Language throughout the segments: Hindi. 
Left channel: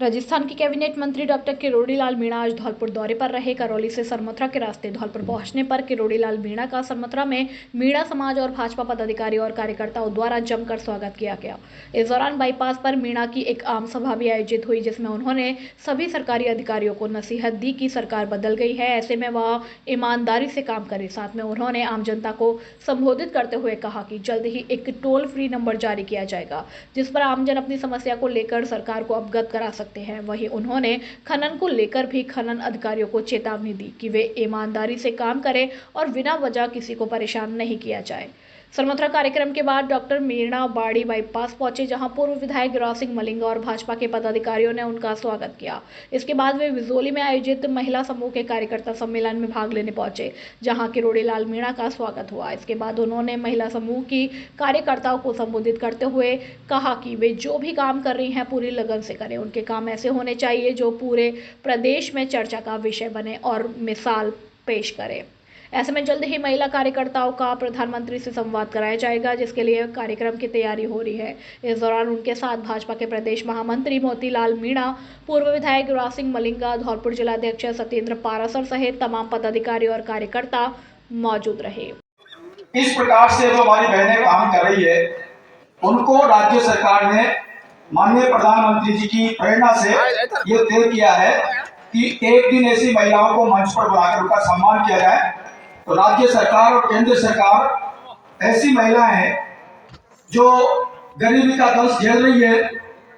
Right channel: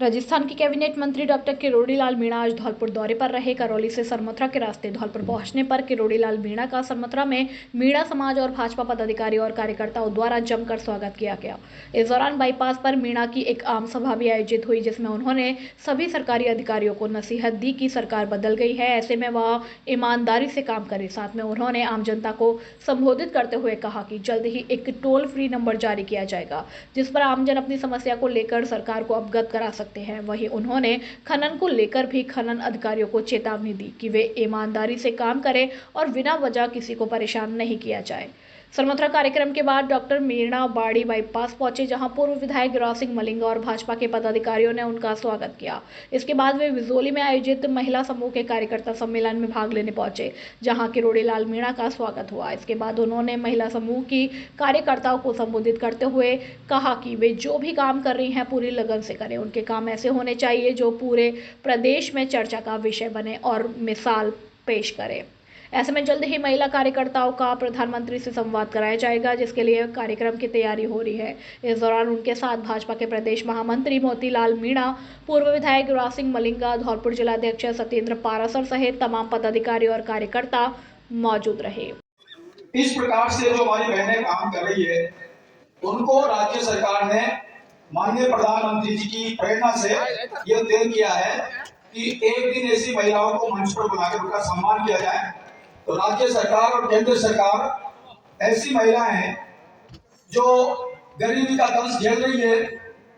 राजस्थान के कैबिनेट मंत्री डॉक्टर किरोड़ी लाल मीणा आज धौलपुर दौरे पर रहे। करौली से सरमथुरा के रास्ते धौलपुर पहुंचने पर किरोड़ी लाल मीणा का सरमथुरा में मीणा समाज और भाजपा पदाधिकारियों और कार्यकर्ताओं द्वारा जमकर स्वागत किया गया। इस दौरान बाईपास पर मीणा की एक आम सभा भी आयोजित हुई, जिसमें उन्होंने सभी सरकारी अधिकारियों को नसीहत दी कि सरकार बदल गई है, ऐसे में वह ईमानदारी से काम करे। साथ में उन्होंने आम जनता को संबोधित करते हुए कहा कि जल्द ही एक टोल फ्री नंबर जारी किया जाएगा, जिस पर आमजन अपनी समस्या को लेकर सरकार को अवगत करा सकते हैं। वहीं उन्होंने खनन को लेकर भी खनन अधिकारियों को चेतावनी दी कि वे ईमानदारी से काम करें और बिना वजह किसी को परेशान नहीं किया जाए। सरमथुरा कार्यक्रम के बाद डॉक्टर मीणा बाड़ी बाईपास पहुंचे, जहां पूर्व विधायक गिरिराज सिंह मलिंगा और भाजपा के पदाधिकारियों ने उनका स्वागत किया। इसके बाद वे विजोली में आयोजित महिला समूह के कार्यकर्ता सम्मेलन में भाग लेने पहुंचे, जहां किरोड़ी लाल मीणा का स्वागत हुआ। इसके बाद उन्होंने महिला समूह की कार्यकर्ताओं को संबोधित करते हुए कहा कि वे जो भी काम कर रही हैं पूरी लगन से करें। उनके काम ऐसे होने चाहिए जो पूरे प्रदेश में चर्चा का विषय बने और मिसाल पेश करें। ऐसे में जल्द ही महिला कार्यकर्ताओं का प्रधानमंत्री से संवाद कराया जाएगा, जिसके लिए कार्यक्रम की तैयारी हो रही है। इस दौरान उनके साथ भाजपा के प्रदेश महामंत्री मोतीलाल मीणा, पूर्व विधायक गिरिराज सिंह मलिंगा, धौलपुर जिलाध्यक्ष सत्येंद्र पारासर सहित तमाम पदाधिकारी और कार्यकर्ता मौजूद रहे। इस प्रकार से जो हमारी बहनें काम कर रही है, उनको राज्य सरकार ने माननीय प्रधानमंत्री जी की प्रेरणा से ये तय किया है कि एक दिन ऐसी महिलाओं को मंच पर बुलाकर उनका सम्मान किया जाए। तो राज्य सरकार और केंद्र सरकार ऐसी महिलाएं हैं जो गरीबी का दंश झेल रही है,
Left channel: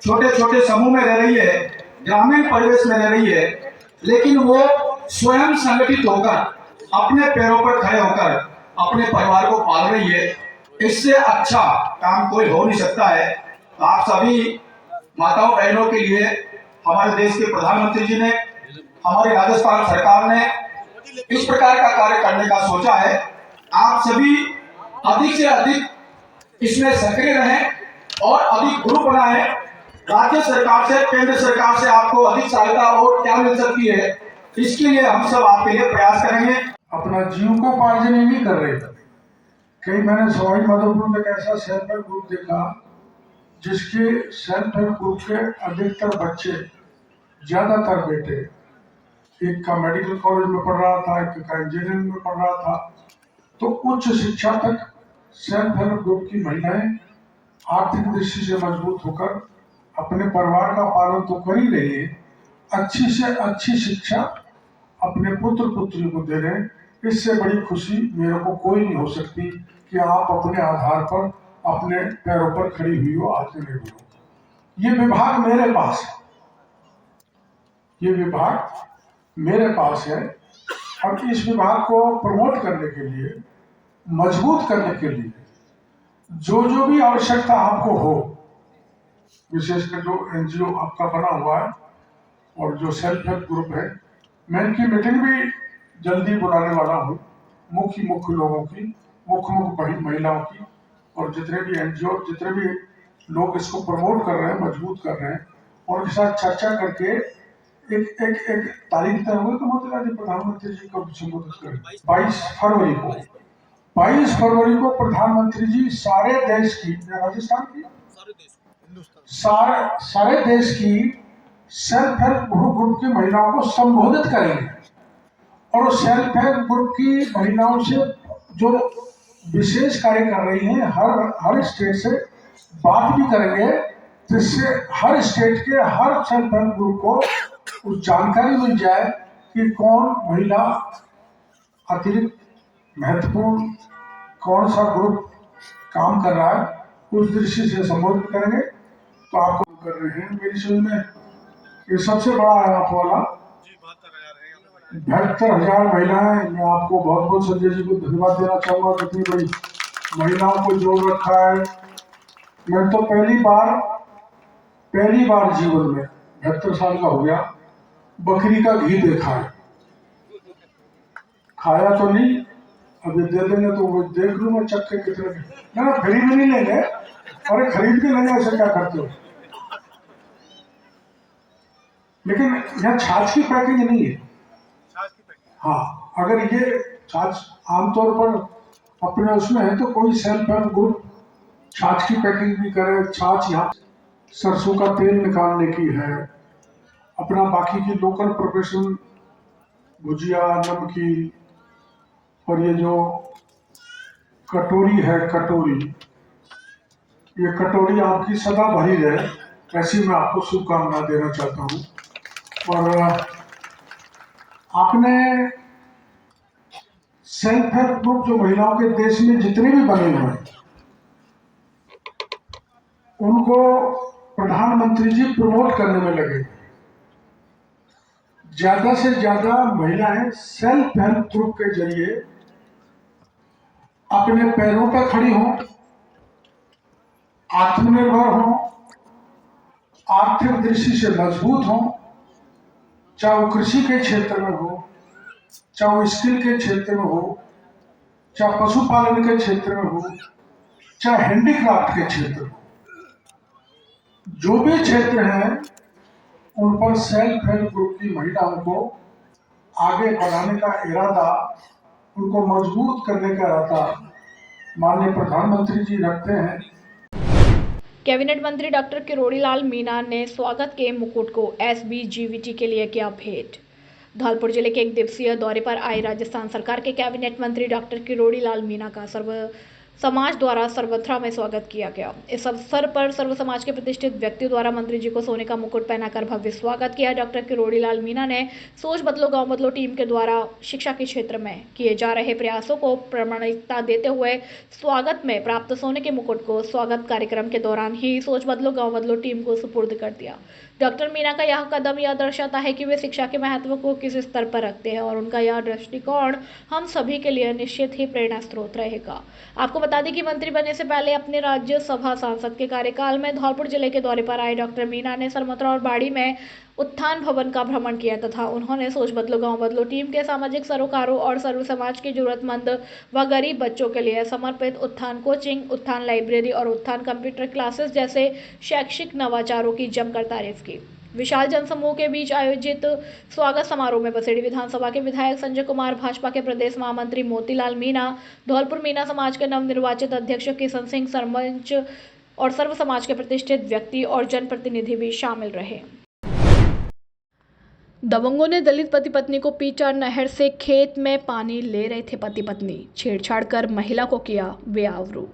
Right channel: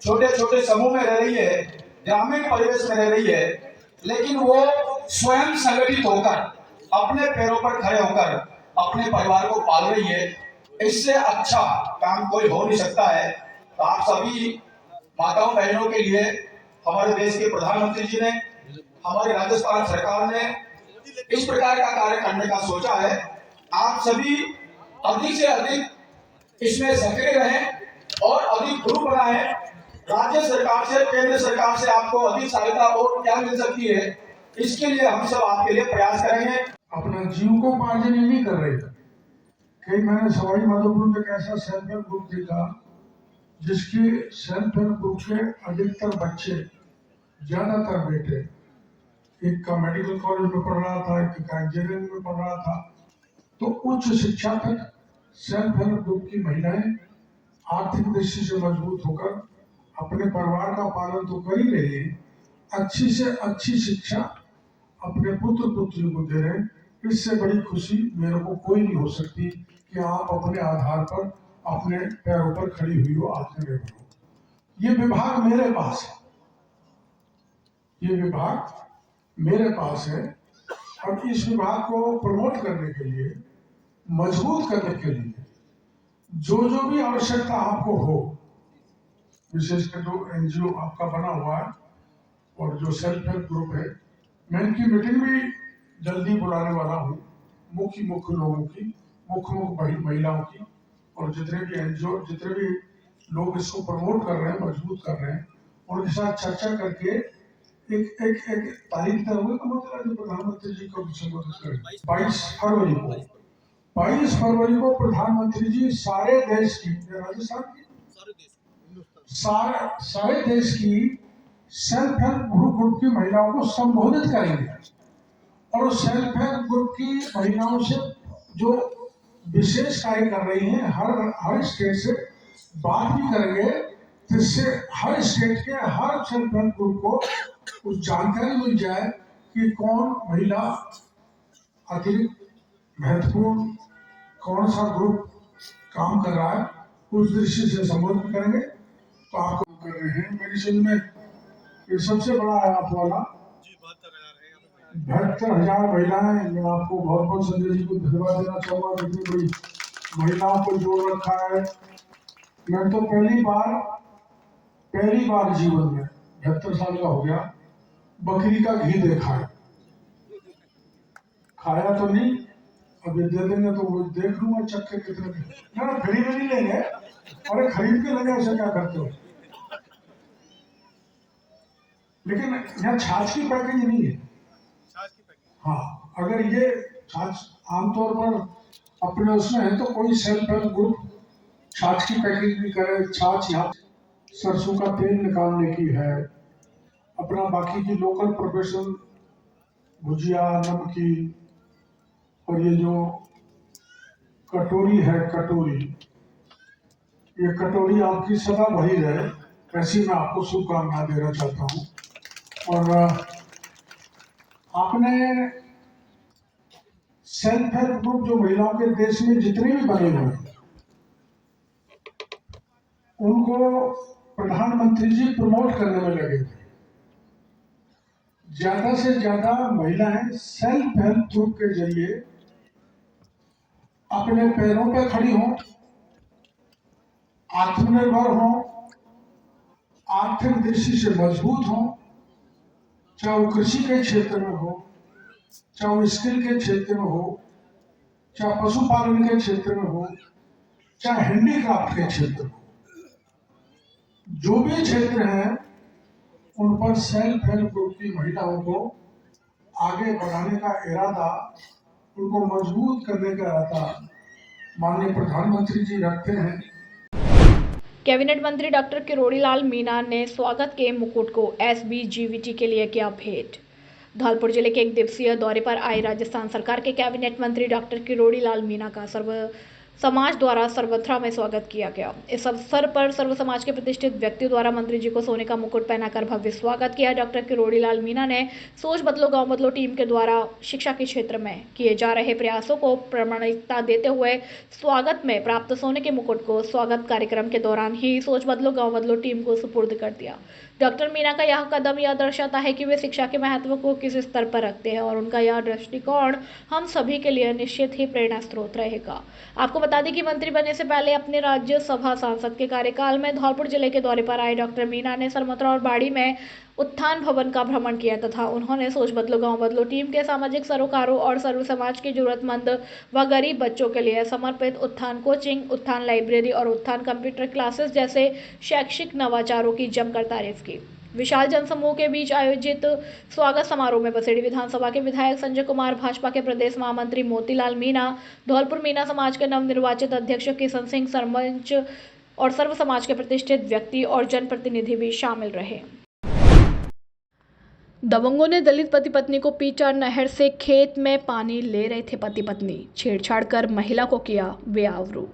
छोटे छोटे समूह में रह रही है, ग्रामीण परिवेश में रह रही है, लेकिन वो स्वयं संगठित होकर अपने पैरों पर खड़े होकर अपने परिवार को पाल रही है। इससे अच्छा काम कोई हो नहीं सकता है। तो आप सभी माताओं बहनों के लिए हमारे देश के प्रधानमंत्री जी ने, हमारी राजस्थान सरकार ने इस प्रकार का कार्य करने का सोचा है। आप सभी अधिक से अधिक इसमें सक्रिय रहें और अधिक ग्रुप बनाएं। राज्य सरकार से, केंद्र सरकार से आपको अधिक सहायता और क्या मिल सकती है, इसके लिए हम सब आपके लिए प्रयास करेंगे। अपना जीविकोपार्जन ही नहीं कर रहे। कई मैंने सवाई माधोपुर में एक ऐसा सेल्फ हेल्प ग्रुप देखा जिसके सेल्फ हेल्प ग्रुप के अधिकतर बच्चे, ज्यादातर बेटे, एक का मेडिकल कॉलेज में पढ़ रहा था, एक का इंजीनियरिंग में पढ़ रहा था। तो उच्च शिक्षा तक सेल्फ हेल्प ग्रुप की महिलाएं आर्थिक दृष्टि से मजबूत होकर अपने परिवार का पालन तो कर ही रही है, अच्छी से अच्छी शिक्षा अपने पुत्र पुत्री को दे रहे हैं। इससे बड़ी खुशी मेरे को कोई नहीं हो सकती कि आप अपने आधार पर अपने पैरों पर खड़ी हुई हो, आत्मनिर्भर हो। ये विभाग मेरे पास है, ये विभाग मेरे पास है। अब इस विभाग को प्रमोट करने के लिए, मजबूत करने के लिए जो जो भी आवश्यकता आपको हो, विशेषकर जो एनजीओ आपका बना हुआ है और जो सेल्फ हेल्प ग्रुप है, मैं इनकी मीटिंग भी जल्दी बुलाने वाला हूँ। मुख्य लोगों की, मुख्य महिलाओं की, और जितने भी एनजीओ, जितने भी लोग इसको प्रमोट कर रहे हैं, मजबूत कर रहे हैं, और उनके साथ चर्चा करके एक तारीख तय हुई तो मोतीलाल जी प्रधानमंत्री जी को संबोधित करें। 22 फरवरी को प्रधानमंत्री जी सारे देश की, राजस्थान की, सारे देश की सेल्फ हेल्प ग्रुप की महिलाओं को संबोधित करेंगे और सेल्फ हेल्प ग्रुप की महिलाओं से जो विशेष कार्य कर रही हैं हर स्टेट से बात भी करेंगे, जिससे हर स्टेट के हर सेल्फ हेल्प ग्रुप को उस जानकारी मिल जाए कि कौन महिला अतिरिक्त महत्वपूर्ण, कौन सा ग्रुप काम कर रहा है, उस दृष्टि से संबोधित करेंगे। तो आप कर रहे हैं मेरी समझ में ये सबसे बड़ा है आप वाला 72,000 महिलाएं। मैं आपको बहुत बहुत संजय जी को धन्यवाद देना चाहूंगा, कितनी बड़ी महिलाओं को जोड़ रखा है। मैं तो पहली बार जीवन में 72 साल का हो गया, बकरी का घी देखा है। खाया तो नहीं, अभी दे देंगे तो वो देख लूंगा चख के कितने। ना फ्री में नहीं लेंगे, अरे खरीद के लेंगे, ऐसे क्या करते हो। लेकिन यहाँ छाछ की पैकिंग नहीं है। हाँ, अगर ये छाछ आमतौर पर अपने उसमें है तो कोई सेल्फ हेल्प ग्रुप छाछ की पैकिंग भी करे। छाछ यहाँ सरसों का तेल निकालने की है, अपना बाकी की लोकल प्रोफेशन, भुजिया, नमकीन और ये जो कटोरी है, ये कटोरी आपकी सदा भरी रहे, ऐसी मैं आपको शुभकामना देना चाहता हूँ। और आपने सेल्फ हेल्प ग्रुप जो महिलाओं के देश में जितने भी बने हुए हैं, उनको प्रधानमंत्री जी प्रमोट करने में लगे। ज्यादा से ज्यादा महिलाएं सेल्फ हेल्प ग्रुप के जरिए अपने पैरों पर खड़ी हों, आत्मनिर्भर हों, आर्थिक दृष्टि से मजबूत हों, चाहे वो कृषि के क्षेत्र में हो, चाहे वो स्किल के क्षेत्र में हो, चाहे पशुपालन के क्षेत्र में हो, चाहे हैंडीक्राफ्ट के क्षेत्र में हो, जो भी क्षेत्र हैं उन पर सेल्फ हेल्प ग्रुप की महिलाओं को आगे बढ़ाने का इरादा, उनको मजबूत करने का इरादा माननीय प्रधानमंत्री जी रखते हैं। कैबिनेट मंत्री डॉक्टर किरोड़ी लाल मीणा ने स्वागत के मुकुट को SBGVT के लिए किया भेंट। धौलपुर जिले के एक दिवसीय दौरे पर आई राजस्थान सरकार के कैबिनेट मंत्री डॉक्टर किरोड़ी लाल मीणा का सर्व समाज द्वारा सर्वथा में स्वागत किया गया। इस अवसर पर सर्व समाज के प्रतिष्ठित व्यक्तियों द्वारा मंत्री जी को सोने का मुकुट पहनाकर भव्य स्वागत किया। डॉक्टर किरोड़ी लाल मीणा ने सोच बदलो गांव बदलो टीम के द्वारा शिक्षा के क्षेत्र में किए जा रहे प्रयासों को प्रामाणिकता देते हुए स्वागत में प्राप्त सोने के मुकुट को स्वागत कार्यक्रम के दौरान ही सोच बदलो गांव बदलो टीम को सुपुर्द कर दिया। डॉक्टर मीणा का यह कदम यह दर्शाता है कि वे शिक्षा के महत्व को किस स्तर पर रखते हैं और उनका यह दृष्टिकोण हम सभी के लिए निश्चित ही प्रेरणा स्रोत रहेगा। आपको बता दें कि मंत्री बनने से पहले अपने राज्यसभा सांसद के कार्यकाल में धौलपुर जिले के दौरे पर आए डॉक्टर मीणा ने सरमथुरा और बाड़ी में उत्थान भवन का भ्रमण किया तथा उन्होंने सोच बदलो गांव बदलो टीम के सामाजिक सरोकारों और सर्व समाज के जरूरतमंद व गरीब बच्चों के लिए समर्पित उत्थान कोचिंग, उत्थान लाइब्रेरी और उत्थान कंप्यूटर क्लासेस जैसे शैक्षिक नवाचारों की जमकर तारीफ की। विशाल जनसमूह के बीच आयोजित स्वागत समारोह में बसेड़ी विधानसभा के विधायक संजय कुमार, भाजपा के प्रदेश महामंत्री मोतीलाल मीणा, धौलपुर मीणा समाज के नवनिर्वाचित अध्यक्ष किशन सिंह, सरपंच और सर्व समाज के प्रतिष्ठित व्यक्ति और जनप्रतिनिधि भी शामिल रहे। दबंगों ने दलित पति पत्नी को पीटा। नहर से खेत में पानी ले रहे थे पति पत्नी, छेड़छाड़ कर महिला को किया बेआबरू।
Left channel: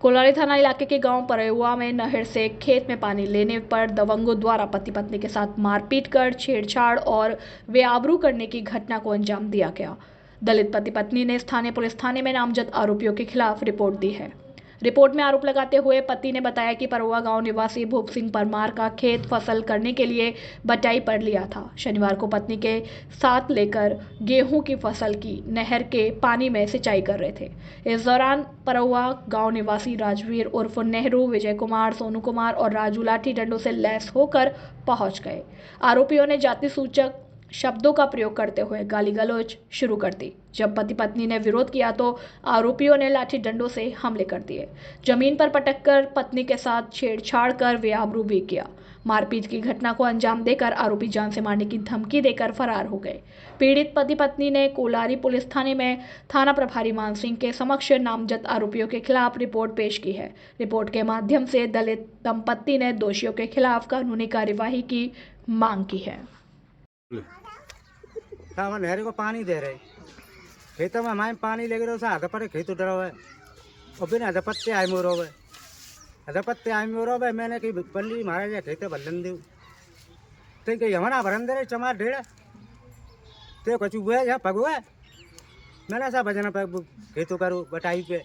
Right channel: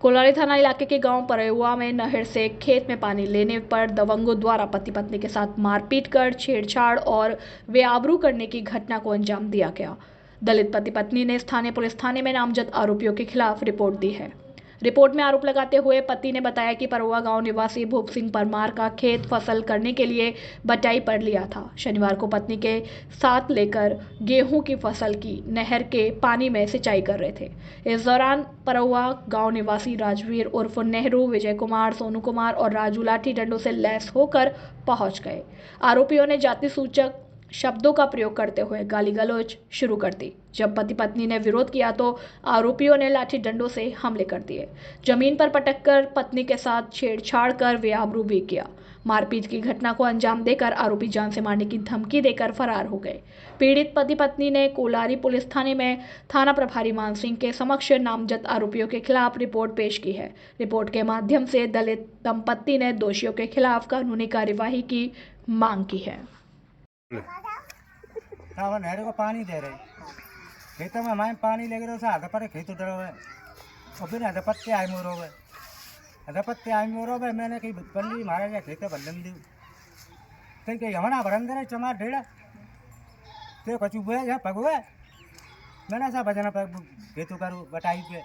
कोलारी थाना इलाके के गांव परेवा में नहर से खेत में पानी लेने पर दबंगों द्वारा पति पत्नी के साथ मारपीट कर छेड़छाड़ और बेआबरू करने की घटना को अंजाम दिया गया। दलित पति पत्नी ने स्थानीय पुलिस थाने में नामजद आरोपियों के खिलाफ रिपोर्ट दी है। रिपोर्ट में आरोप लगाते हुए पति ने बताया कि परोवा गांव निवासी भूप सिंह परमार का खेत फसल करने के लिए बटाई पर लिया था। शनिवार को पत्नी के साथ लेकर गेहूं की फसल की नहर के पानी में सिंचाई कर रहे थे। इस दौरान परोवा गांव निवासी राजवीर उर्फ नेहरू, विजय कुमार, सोनू कुमार और राजू लाठी डंडों से लैस होकर पहुंच गए। आरोपियों ने जाति सूचक शब्दों का प्रयोग करते हुए गाली गलौज शुरू कर दी। जब पति पत्नी ने विरोध किया तो आरोपियों ने लाठी डंडों से हमले कर दिए। जमीन पर पटक कर पत्नी के साथ छेड़छाड़ कर बेआबरू भी किया। मारपीट की घटना को अंजाम देकर आरोपी जान से मारने की धमकी देकर फरार हो गए। पीड़ित पति पत्नी ने कोलारी पुलिस थाने में थाना प्रभारी मान सिंह के समक्ष नामजद आरोपियों के खिलाफ रिपोर्ट पेश की है। रिपोर्ट के माध्यम से दलित दंपत्ति ने दोषियों के खिलाफ कानूनी कार्यवाही की मांग की है। नहर को पानी दे रहे खेतों में हमारे पानी लगे रहो सा पर खेतों डरो है और फिर हदपत्ते आए मोरो है मैंने कहीं पल्ली महाराज या खेते भलन दी तो कहीं हमारा भरन दे चमार ढेड़ा तो कचू बुआ यहाँ पग हुआ मैंने सा भजना खेतों करूँ बटाई पे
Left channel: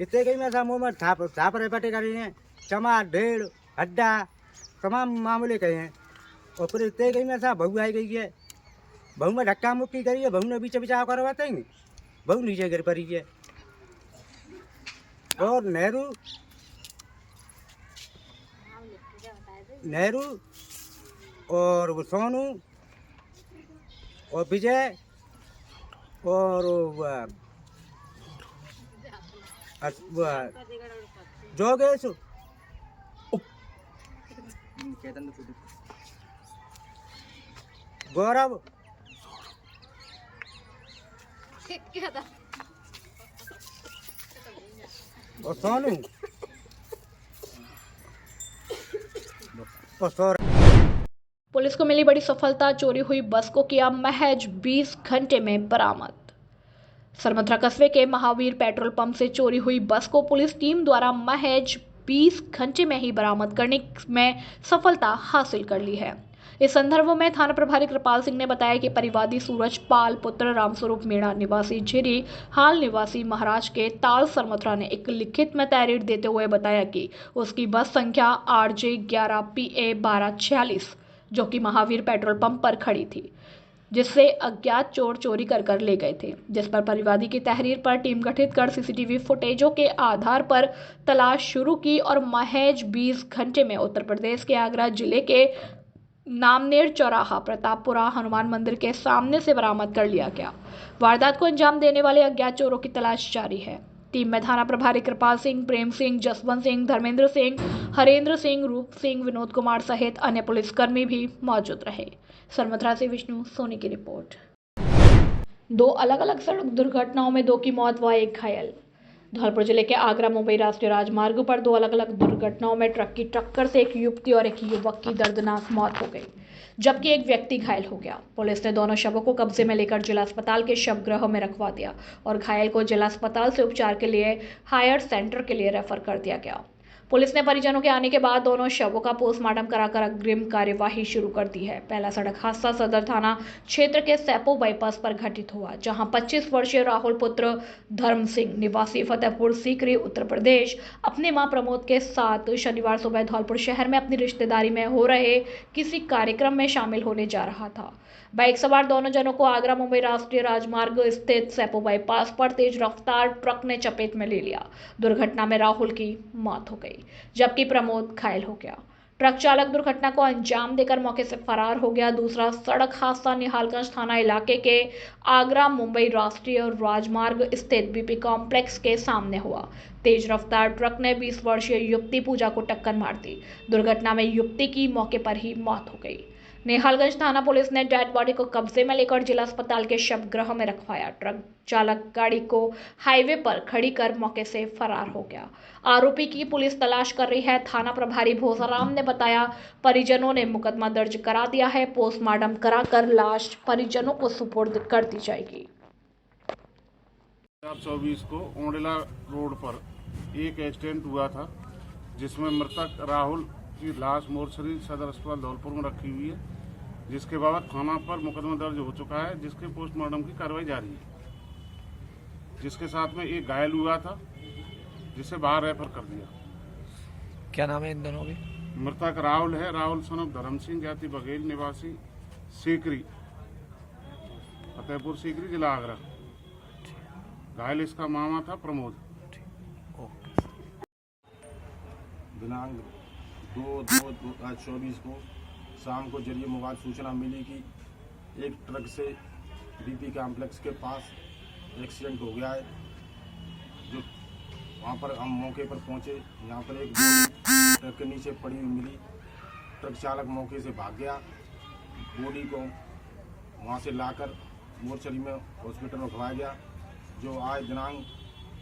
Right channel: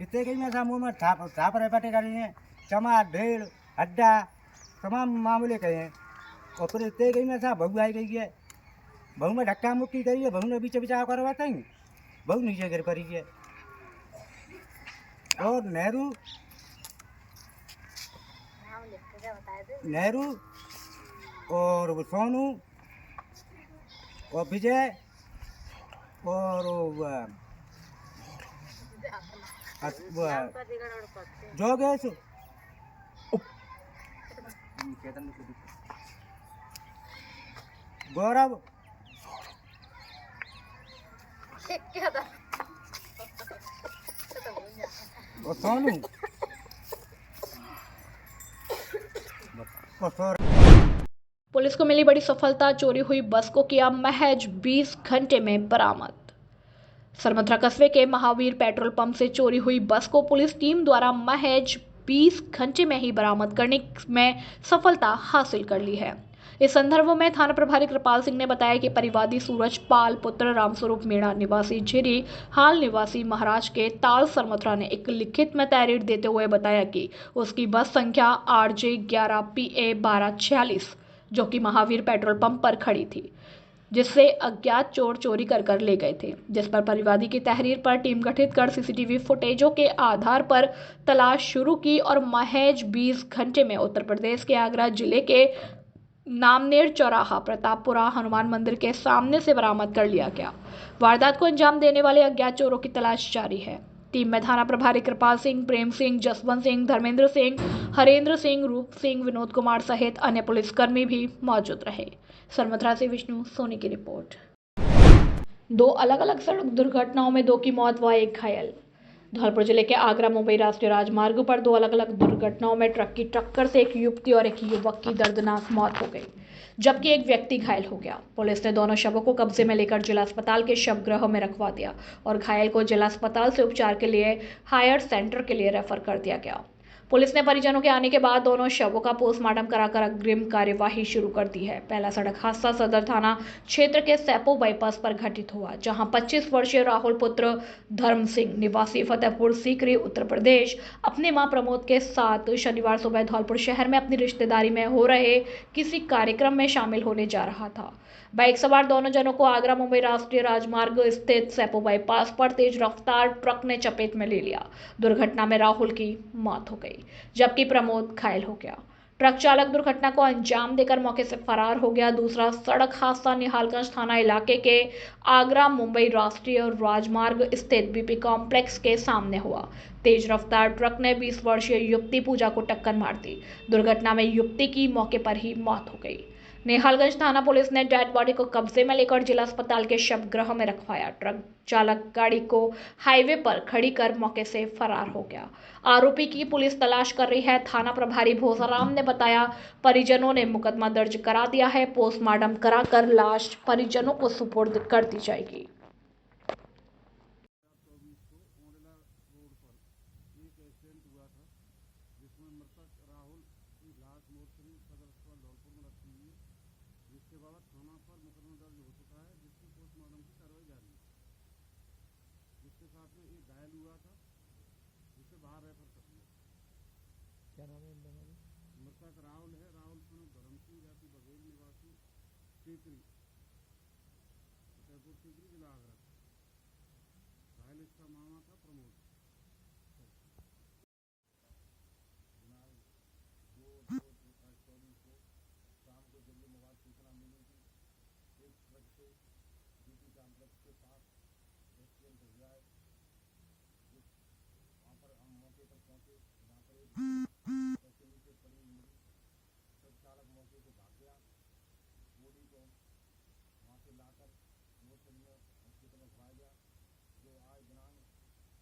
इतने कहीं मैं सा मुँह में थाप रहे पटे करी हैं चमार ढेड़ हड्डा तमाम मामले कहे हैं और फिर इतने कहीं में सा बहू आई गई है। बहू में धक्का मुक्की करी है, बहू ने बीच बिचाव करवाते हैं, बहू नीचे गिर पड़ी है। और नेहरू और वो सोनू और विजय और जोगेश गौरव और सोनू और पुलिस को मिली बड़ी सफलता, चोरी हुई बस को किया महज 20 घंटे में बरामद। सरमथरा कस्बे के महावीर पेट्रोल पंप से चोरी हुई बस को पुलिस टीम द्वारा महज 20 घंटे में ही बरामद करने में सफलता हासिल कर ली है। इस संदर्भ में थाना प्रभारी कृपाल सिंह ने बताया कि परिवादी सूरज पाल पुत्र रामस्वरूप मीणा निवासी झिरी हाल निवासी महाराज के ताल सरमथरा ने एक लिखित में तहरीर देते हुए बताया कि उसकी बस संख्या RJ 11 PA 1246 जो कि महावीर पेट्रोल पंप पर खड़ी थी, जिससे अज्ञात चोर चोरी कर ले गए थे। जिस पर परिवादी की तहरीर पर टीम गठित कर CCTV फुटेजों के आधार पर तलाश शुरू की और महज 20 घंटे में उत्तर प्रदेश के आगरा जिले के नामनेर चौराहा प्रतापपुरा हनुमान मंदिर के सामने से बरामद कर लिया गया। वारदात को अंजाम देने वाले अज्ञात चोरों की तलाश जारी है। टीम में थाना प्रभारी कृपाल सिंह, प्रेम सिंह, जसवंत सिंह, धर्मेंद्र सिंह, हरेंद्र सिंह, रूप सिंह, विनोद कुमार सहित अन्य पुलिसकर्मी भी मौजूद रहे। सरमथरा से विष्णु सोनी की रिपोर्ट। 2 अलग अलग सड़क दुर्घटनाओं में 2 की मौत व 1 घायल। धौलपुर जिले के आगरा मुंबई राष्ट्रीय राजमार्ग पर 2 अलग अलग दुर्घटनाओं में ट्रक की टक्कर से एक युवती और एक युवक की दर्दनाक मौत हो गई, जबकि एक व्यक्ति घायल हो गया। पुलिस ने दोनों शवों को कब्जे में लेकर जिला अस्पताल के शवगृह में रखवा दिया और घायल को जिला अस्पताल से उपचार के लिए हायर सेंटर के लिए रेफर कर दिया गया। पुलिस ने परिजनों के आने के बाद दोनों शवों का पोस्टमार्टम कराकर अग्रिम कार्यवाही शुरू कर दी है। पहला सड़क हादसा सदर थाना क्षेत्र के सैपो बाईपास पर घटित हुआ, जहां 25 वर्षीय राहुल पुत्र धर्म सिंह निवासी फतेहपुर सीकरी उत्तर प्रदेश अपने मां प्रमोद के साथ शनिवार सुबह धौलपुर शहर में अपनी रिश्तेदारी में हो रहे किसी कार्यक्रम में शामिल होने जा रहा था। बाइक सवार दोनों जनों को आगरा मुंबई राष्ट्रीय राजमार्ग स्थित सैपो बाईपास पर तेज रफ्तार ट्रक ने चपेट में ले लिया। दुर्घटना में राहुल की मौत हो गई, जबकि प्रमोद घायल हो गया। ट्रक चालक दुर्घटना को अंजाम देकर मौके से फरार हो गया। दूसरा सड़क हादसा निहालगंज थाना इलाके के आगरा मुंबई राष्ट्रीय राजमार्ग स्थित BP कॉम्प्लेक्स के सामने हुआ। तेज रफ्तार ट्रक ने 20 वर्षीय युवती पूजा को टक्कर मार दी। दुर्घटना में युवती की मौके पर ही मौत हो गई। निहालगंज थाना पुलिस ने डेड बॉडी को कब्जे में लेकर जिला अस्पताल के शवगृह में रखवाया। ट्रक चालक गाड़ी को हाईवे पर खड़ी कर मौके से फरार हो गया। आरोपी की पुलिस तलाश कर रही है। थाना प्रभारी भोसाराम ने बताया, परिजनों ने मुकदमा दर्ज करा दिया है। पोस्टमार्टम कराकर लाश परिजनों को सुपुर्द कर दी जाएगी। 2024 को ओंडेला रोड पर एक एक्सीडेंट हुआ था, जिसमें मृतक राहुल की लाश मोर्चरी सदर अस्पताल धौलपुर में रखी हुई है, जिसके बाद थाना पर मुकदमा दर्ज हो चुका है, जिसके पोस्टमार्टम की कार्रवाई जारी है। जिसके साथ में एक घायल हुआ था, जिसे बाहर रेफर कर दिया। क्या नाम है इन दोनों के? मृतक राहुल है, राहुल सन ऑफ धर्म सिंह, जाति बघेल, निवासी सीकरी फतेहपुर सीकरी जिला आगरा। घायल इसका मामा था प्रमोद। दिनांक 2/2/2024 को शाम को जरिए मोबाइल सूचना मिली कि एक ट्रक से BP कॉम्प्लेक्स के पास एक्सीडेंट हो गया है। जो वहाँ पर हम मौके पर पहुँचे, यहाँ पर एक बॉडी ट्रक के नीचे पड़ी हुई मिली। ट्रक चालक मौके से भाग गया। बॉडी को वहाँ से लाकर मोर्चरी में हॉस्पिटल में रखवाया गया, जो आज दिनांक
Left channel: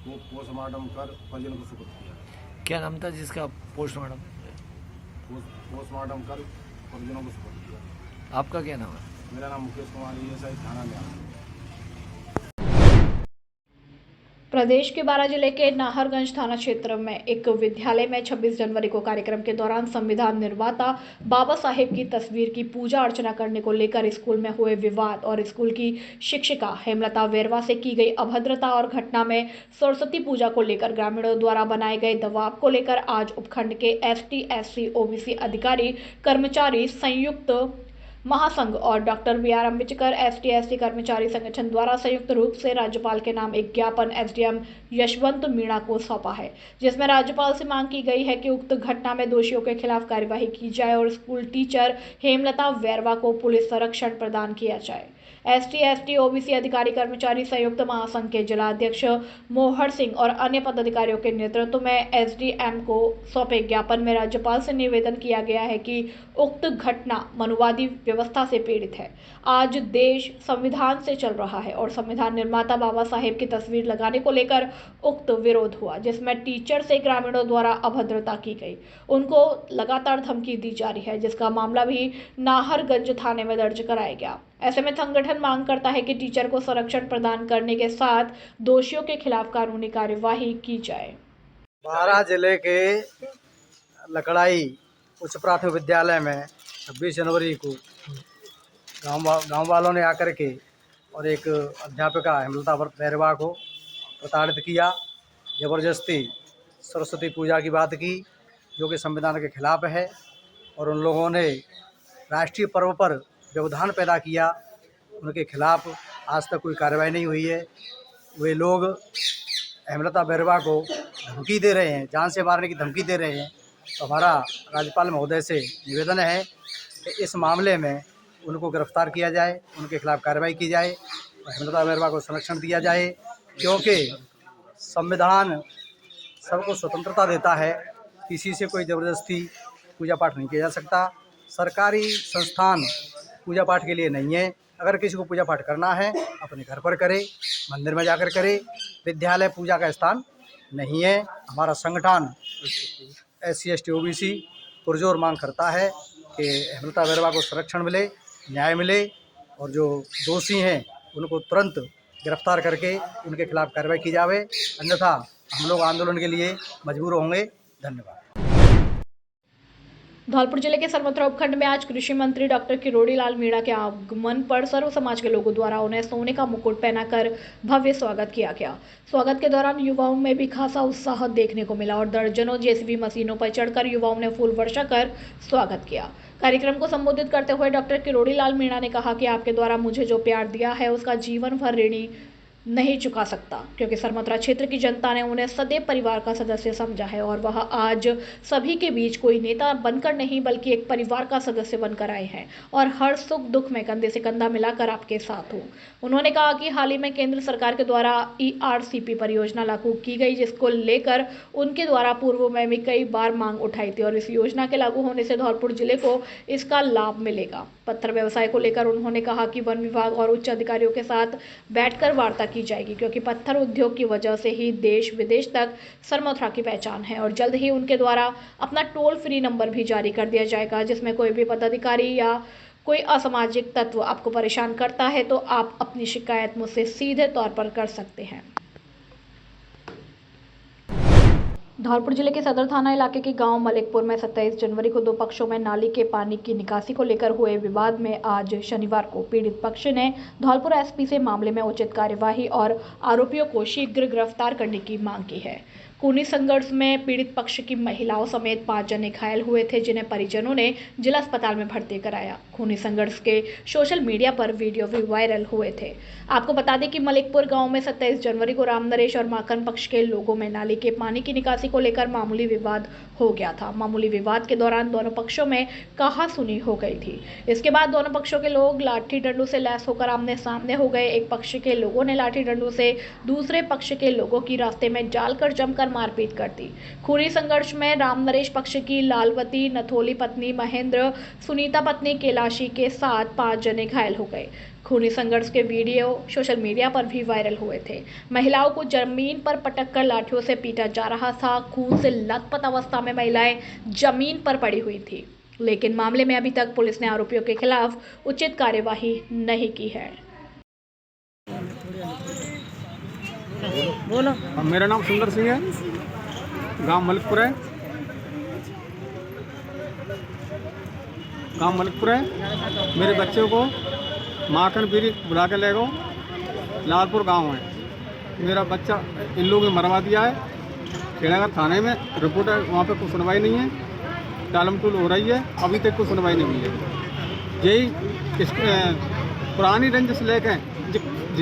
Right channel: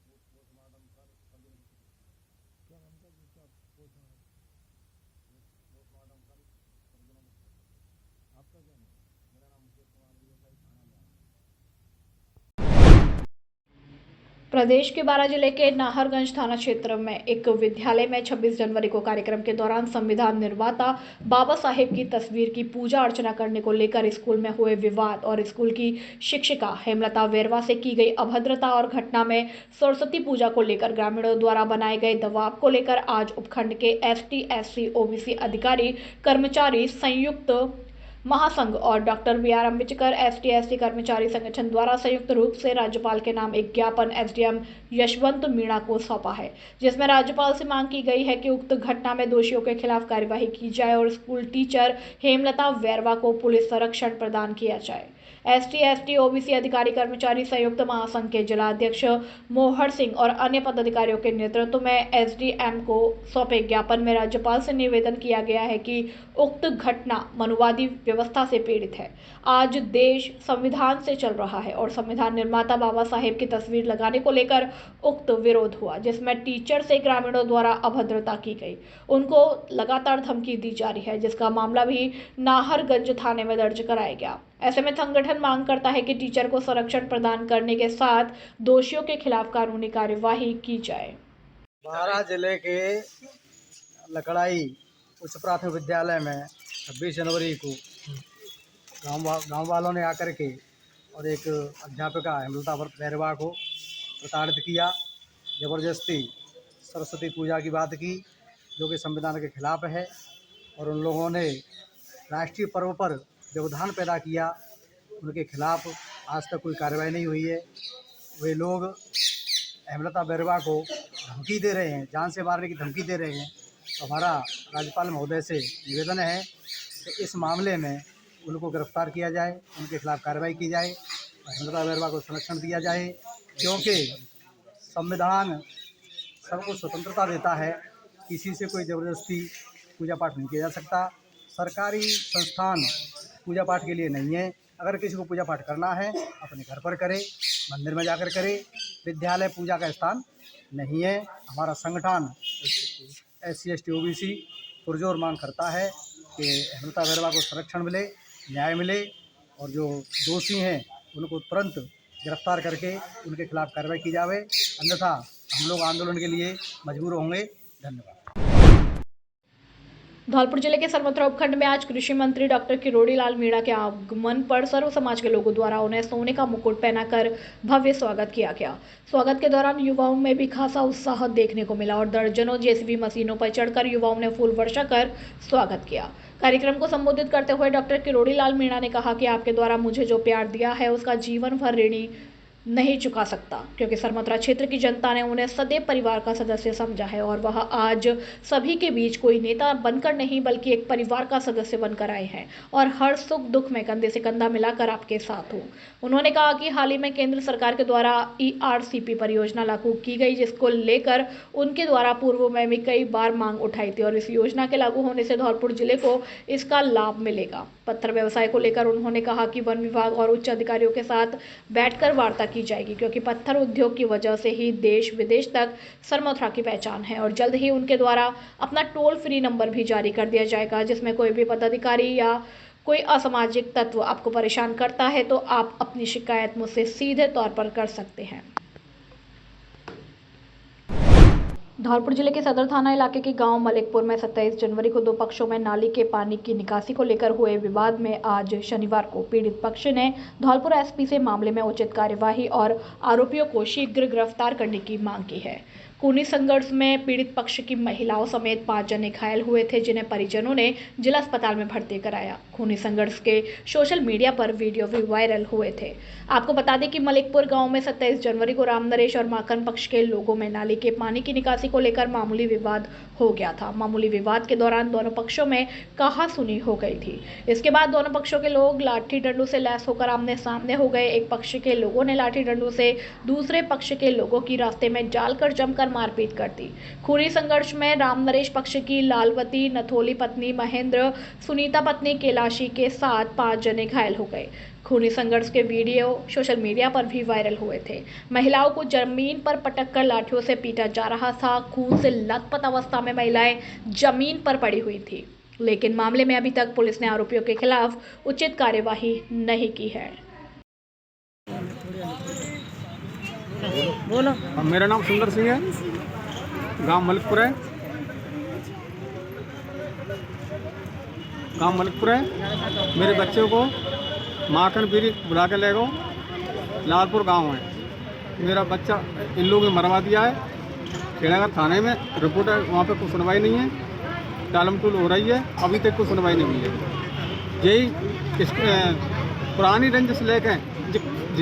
को पोस्टमार्टम कर परिजन को सुपुर्द किया। क्या नाम था जिसका पोस्टमार्टम कर परिजनों को सुपुर्द किया। आपका क्या नाम है? मेरा नाम मुकेश कुमार ESI थाना में। प्रदेश के 12 जिले के नाहरगंज थाना क्षेत्र में एक विद्यालय में 26 जनवरी को कार्यक्रम के दौरान संविधान निर्माता बाबा साहेब की तस्वीर की पूजा अर्चना करने को लेकर स्कूल में हुए विवाद और स्कूल की शिक्षिका हेमलता वेरवा से की गई अभद्रता और घटना में सरस्वती पूजा को लेकर ग्रामीणों द्वारा बनाए गए दबाव को लेकर आज उपखंड के ST SC OBC अधिकारी कर्मचारी संयुक्त महासंघ और doctor BR Ambedkar ST SC कर्मचारी संगठन द्वारा संयुक्त रूप से राज्यपाल के नाम एक ज्ञापन SDM यशवंत मीणा को सौंपा है, जिसमें राज्यपाल से मांग की गई है कि उक्त घटना में दोषियों के खिलाफ कार्यवाही की जाए और स्कूल टीचर हेमलता वेरवा को पुलिस संरक्षण प्रदान किया जाए। ST, ST, OBC अधिकारी कर्मचारी संयुक्त महासंघ के जिला अध्यक्ष मोहर सिंह और अन्य पदाधिकारियों के नेतृत्व में SDM को सौंपे ज्ञापन में राज्यपाल से निवेदन किया गया है कि उक्त घटना मनुवादी व्यवस्था से पीड़ित है। आज देश संविधान से चल रहा है और संविधान निर्माता बाबा साहेब की तस्वीर लगाने को लेकर उक्त विरोध हुआ, जिसमें टीचर से ग्रामीणों द्वारा अभद्रता की गई। उनको लगातार धमकी दी जा रही है, जिसका मामला भी नाहरगंज थाने में दर्ज कराया गया। ऐसे में संगठन मांग करता है कि टीचर को संरक्षण प्रदान करने के साथ दोषियों के खिलाफ कानूनी कार्यवाही की जाए। बारां जिले के लकड़ाई उच्च प्राथमिक विद्यालय में 26 जनवरी को गांव वालों ने आकर के और एक अध्यापिका हेमलता बैरवा को प्रताड़ित किया, ज़बरदस्ती सरस्वती पूजा की बात की, जो कि संविधान के खिलाफ है। और उन लोगों ने राष्ट्रीय पर्व पर व्यवधान पैदा किया, उनके खिलाफ आज तक कोई कार्रवाई नहीं हुई है। वे लोग हेमलता बैरवा को धमकी दे रहे हैं, जान से मारने की धमकी दे रहे हैं। तो हमारा राज्यपाल महोदय से निवेदन है कि इस मामले में उनको गिरफ्तार किया जाए, उनके खिलाफ कार्रवाई की जाए और हेमलता बैरवा को संरक्षण दिया जाए, क्योंकि संविधान सबको स्वतंत्रता देता है। किसी से कोई ज़बरदस्ती पूजा पाठ नहीं किया जा सकता। सरकारी संस्थान पूजा पाठ के लिए नहीं है। अगर किसी को पूजा पाठ करना है अपने घर पर करे, मंदिर में जाकर करे। विद्यालय पूजा का स्थान नहीं है। हमारा संगठन SC, ST, OBC पुरजोर मांग करता है कि हेमलता बैरवा को संरक्षण मिले, न्याय मिले और जो दोषी हैं उनको तुरंत गिरफ्तार करके उनके खिलाफ कार्रवाई की जाए, अन्यथा हम लोग आंदोलन के लिए मजबूर होंगे। धन्यवाद। धौलपुर जिले के सरमथुरा उपखंड में आज कृषि मंत्री डॉक्टर किरोड़ी लाल मीणा के आगमन पर सर्व समाज के लोगों द्वारा उन्हें सोने का मुकुट पहनाकर भव्य स्वागत किया गया। स्वागत के दौरान युवाओं में भी खासा उत्साह देखने को मिला और दर्जनों JCB मशीनों पर चढ़कर युवाओं ने फूल वर्षा कर स्वागत किया। कार्यक्रम को संबोधित करते हुए डॉक्टर किरोड़ी लाल मीणा ने कहा कि आपके द्वारा मुझे जो प्यार दिया है उसका जीवन भर ऋणी नहीं चुका सकता, क्योंकि सरमथुरा क्षेत्र की जनता ने उन्हें सदैव परिवार का सदस्य समझा है और वह आज सभी के बीच कोई नेता बनकर नहीं बल्कि एक परिवार का सदस्य बनकर आए हैं और हर सुख दुख में कंधे से कंधा मिलाकर आपके साथ हो। उन्होंने कहा कि हाल ही में केंद्र सरकार के द्वारा ERCP परियोजना लागू की गई, जिसको लेकर उनके द्वारा पूर्व में भी कई बार मांग उठाई थी और इस योजना के लागू होने से धौलपुर जिले को इसका लाभ मिलेगा। पत्थर व्यवसाय को लेकर उन्होंने कहा कि वन विभाग और उच्च अधिकारियों के साथ बैठकर वार्ता की जाएगी, क्योंकि पत्थर उद्योग की वजह से ही देश विदेश तक सरमथुरा की पहचान है और जल्द ही उनके द्वारा अपना टोल फ्री नंबर भी जारी कर दिया जाएगा, जिसमें कोई भी पदाधिकारी या कोई असामाजिक तत्व आपको परेशान करता है तो आप अपनी शिकायत मुझसे सीधे तौर पर कर सकते हैं। धौलपुर जिले के सदर थाना इलाके के गांव मलिकपुर में 27 जनवरी को दो पक्षों में नाली के पानी की निकासी को लेकर हुए विवाद में आज शनिवार को पीड़ित पक्ष ने धौलपुर SP से मामले में उचित कार्यवाही और आरोपियों को शीघ्र गिरफ्तार करने की मांग की है। खूनी संघर्ष में पीड़ित पक्ष की महिलाओं समेत 5 जने घायल हुए थे, जिन्हें परिजनों ने जिला अस्पताल में भर्ती कराया। खूनी संघर्ष के सोशल मीडिया पर वीडियो भी वायरल हुए थे। आपको बता दें कि मलिकपुर गांव में 27 जनवरी को राम नरेश और माखन पक्ष के लोगों में नाली के पानी की निकासी को लेकर मामूली विवाद हो गया था। मामूली विवाद के दौरान दोनों पक्षों में कहासुनी हो गई थी। इसके बाद दोनों पक्षों के लोग लाठी डंडों से लैस होकर आमने सामने हो गए। एक पक्ष के लोगों ने लाठी डंडों से दूसरे पक्ष के लोगों की रास्ते में डालकर जमकर मारपीट कर दी। खूनी संघर्ष में राम नरेश पक्ष की लालवती, नथोली पत्नी महेंद्र, सुनीता पत्नी कैलाशी के साथ 5 जने घायल हो गए। खूनी संघर्ष के वीडियो सोशल मीडिया पर भी वायरल हुए थे। महिलाओं को जमीन पर पटककर लाठियों से पीटा जा रहा था। खून से लथपथ अवस्था में महिलाएं जमीन पर पड़ी हुई थी, लेकिन मामले में अभी तक पुलिस ने आरोपियों के खिलाफ उचित कार्यवाही नहीं की है। मेरा नाम सुंदर सिंह है, गांव मलिकपुर है। मेरे बच्चों को माखन पीरी बुला के ले गो, लालपुर गांव है। मेरा बच्चा इन लोगों ने मरवा दिया है। खेड़ाघर थाने में रिपोर्ट है, वहाँ पे कोई सुनवाई नहीं है। टालम टूल हो रही है, अभी तक कोई सुनवाई नहीं हुई है। यही पुरानी रंजिश लेके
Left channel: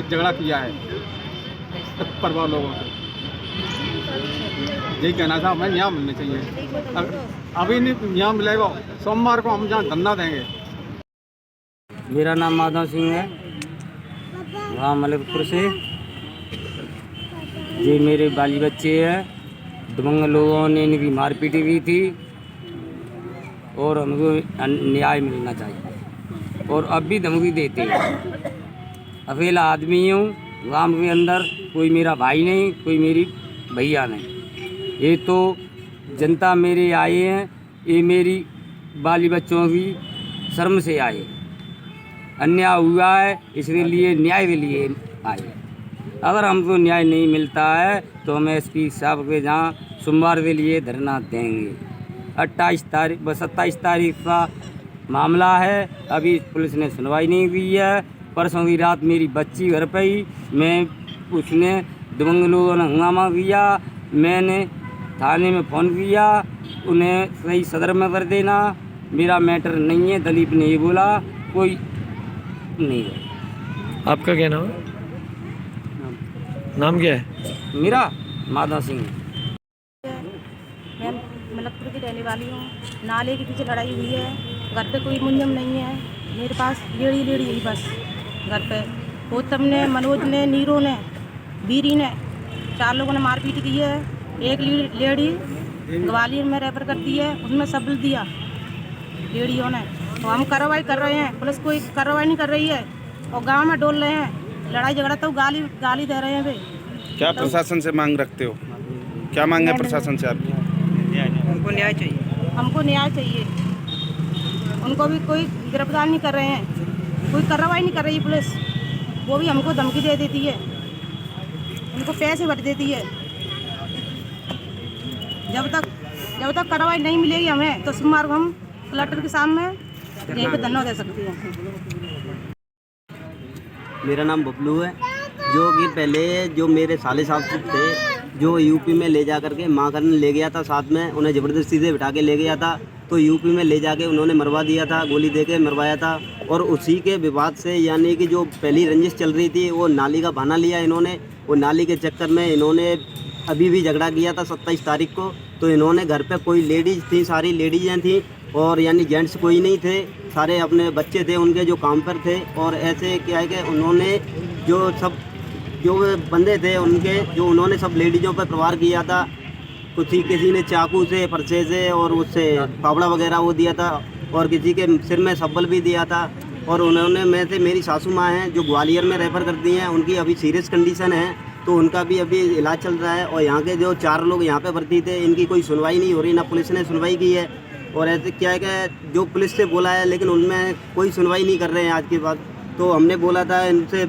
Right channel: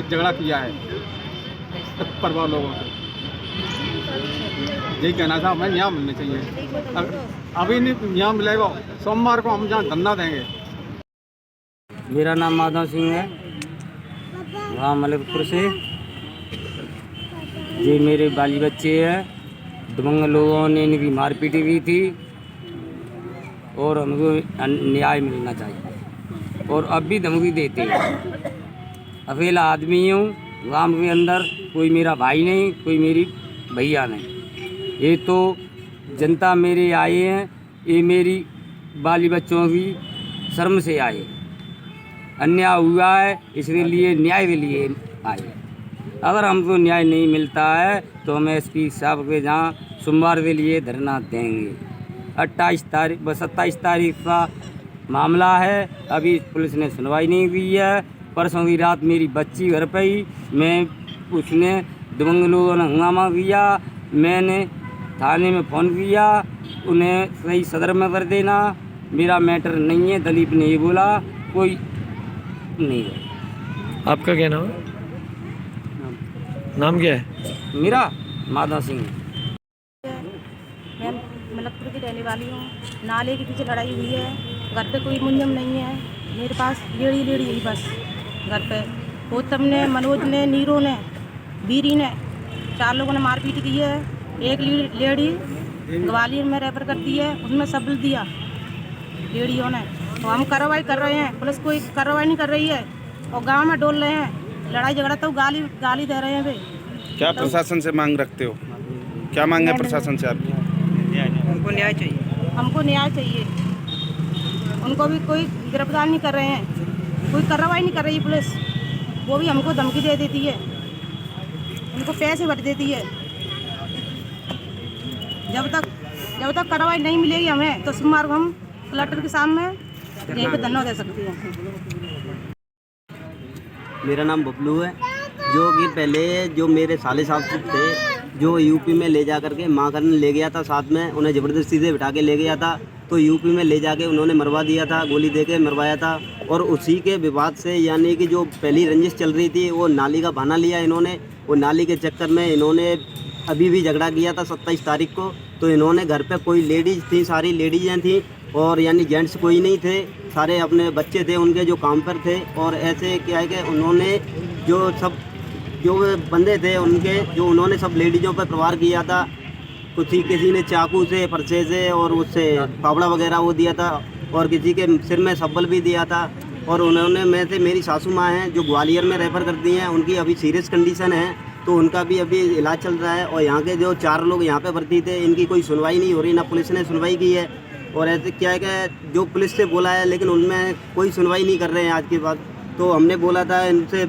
झगड़ा किया है परिवार लोगों से। यही कहना था, हमें न्याय मिलना चाहिए। अभी नहीं न्याय मिलेगा, सोमवार को हम जहाँ धरना देंगे। मेरा नाम माधव सिंह है। गाँव मलिकपुर से। ये मेरे बाली बच्चे हैं, दबंग लोगों ने इनकी मारपीट की थी और हमको न्याय मिलना चाहिए और अब भी धमकी देते हैं। अकेला आदमी हूँ गाँव के अंदर, कोई मेरा भाई नहीं, कोई मेरी भैया नहीं। ये तो जनता मेरे आए हैं, ये मेरी बाली बच्चों की शर्म से आए, अन्याय हुआ है इसलिए न्याय के लिए आए। अगर हमको न्याय नहीं मिलता है तो हम एसपी साहब के जहाँ सोमवार के लिए धरना देंगे। 27 तारीख का मामला है, अभी पुलिस ने सुनवाई नहीं की है। परसों की रात मेरी बच्ची घर पे ही उसने दबंग लोगों ने हंगामा किया। मैंने थाने में फ़ोन किया, उन्हें सही सदर में कर देना, मेरा मैटर नहीं है। दलीप ने ये बोला कोई नहीं है। आपका क्या नाम है? नाम क्या है? मेरा माधव सिंह। मैं मलकपुर की रहने वाली हूँ। नाले के पीछे लड़ाई हुई है, घर पे कोई मुंजम नहीं है। मेरे पास लेड़ी ही बस घर पे। गौतम ने, मनोज ने, नीरो ने, बीरी ने, 4 लोगों ने मारपीट की है। एक लेडी ग्वालियर में रेफर कर दी है, उसमें सबल दिया लेडियों ने। तो हम कार्रवाई कर रहे हैं, पुलिस कोई कार्रवाई नहीं कर रही है और गांव में डोल रहे हैं। लड़ाई झगड़ा तो गाली दे रहे हैं वे। क्या प्रशासन से मांग रखते हो? क्या मांग है प्रशासन से आपकी? हमको न्याय चाहिए। हमको न्याय चाहिए। उनको भी कोई गिरफ्तार नहीं कर रहे हैं, कोई कार्रवाई नहीं कर रही पुलिस। वो भी हमको धमकी दे देती है, उनको पैसे भर देती है। जब तक कार्रवाई नहीं मिलेगी हमें तो सोमवार को हम कलेक्टर के सामने यहीं पे धरना दे सकती हैं। मेरा नाम बबलू है, जो कि पहले जो मेरे साले साहब थे, जो यूपी में ले जा करके माँ करने ले गया था, साथ में उन्हें ज़बरदस्ती से बिठा के ले गया था। तो यूपी में ले जाके उन्होंने मरवा दिया था, गोली दे के मरवाया था। और उसी के विवाद से, यानी कि जो पहली रंजिश चल रही थी, वो नाली का बहाना लिया इन्होंने। वो नाली के चक्कर में इन्होंने अभी भी झगड़ा किया था 27 तारीख को। तो इन्होंने घर पे कोई लेडीज़ थी, सारी लेडीज़ें थी और यानी जेंट्स कोई नहीं थे, सारे अपने बच्चे थे उनके जो काम पर थे। और ऐसे क्या है कि उन्होंने जो बंदे थे उनके, जो उन्होंने सब लेडीज़ों पर प्रहार किया था। किसी ने चाकू से, फरसे से और उससे फावड़ा वगैरह वो दिया था और किसी के सिर में सब्बल भी दिया था। और उन्होंने में से मेरी सासू माँ हैं जो ग्वालियर में रेफ़र कर दी हैं, उनकी अभी सीरियस कंडीशन है, तो उनका भी अभी इलाज चल रहा है। और यहाँ के जो 4 लोग यहाँ पे भर्ती थे, इनकी कोई सुनवाई नहीं हो रही, ना पुलिस ने सुनवाई की है। और ऐसे क्या है कि जो पुलिस से बोला है लेकिन उनमें कोई सुनवाई नहीं कर रहे हैं आज के बाद। तो हमने बोला था, इनसे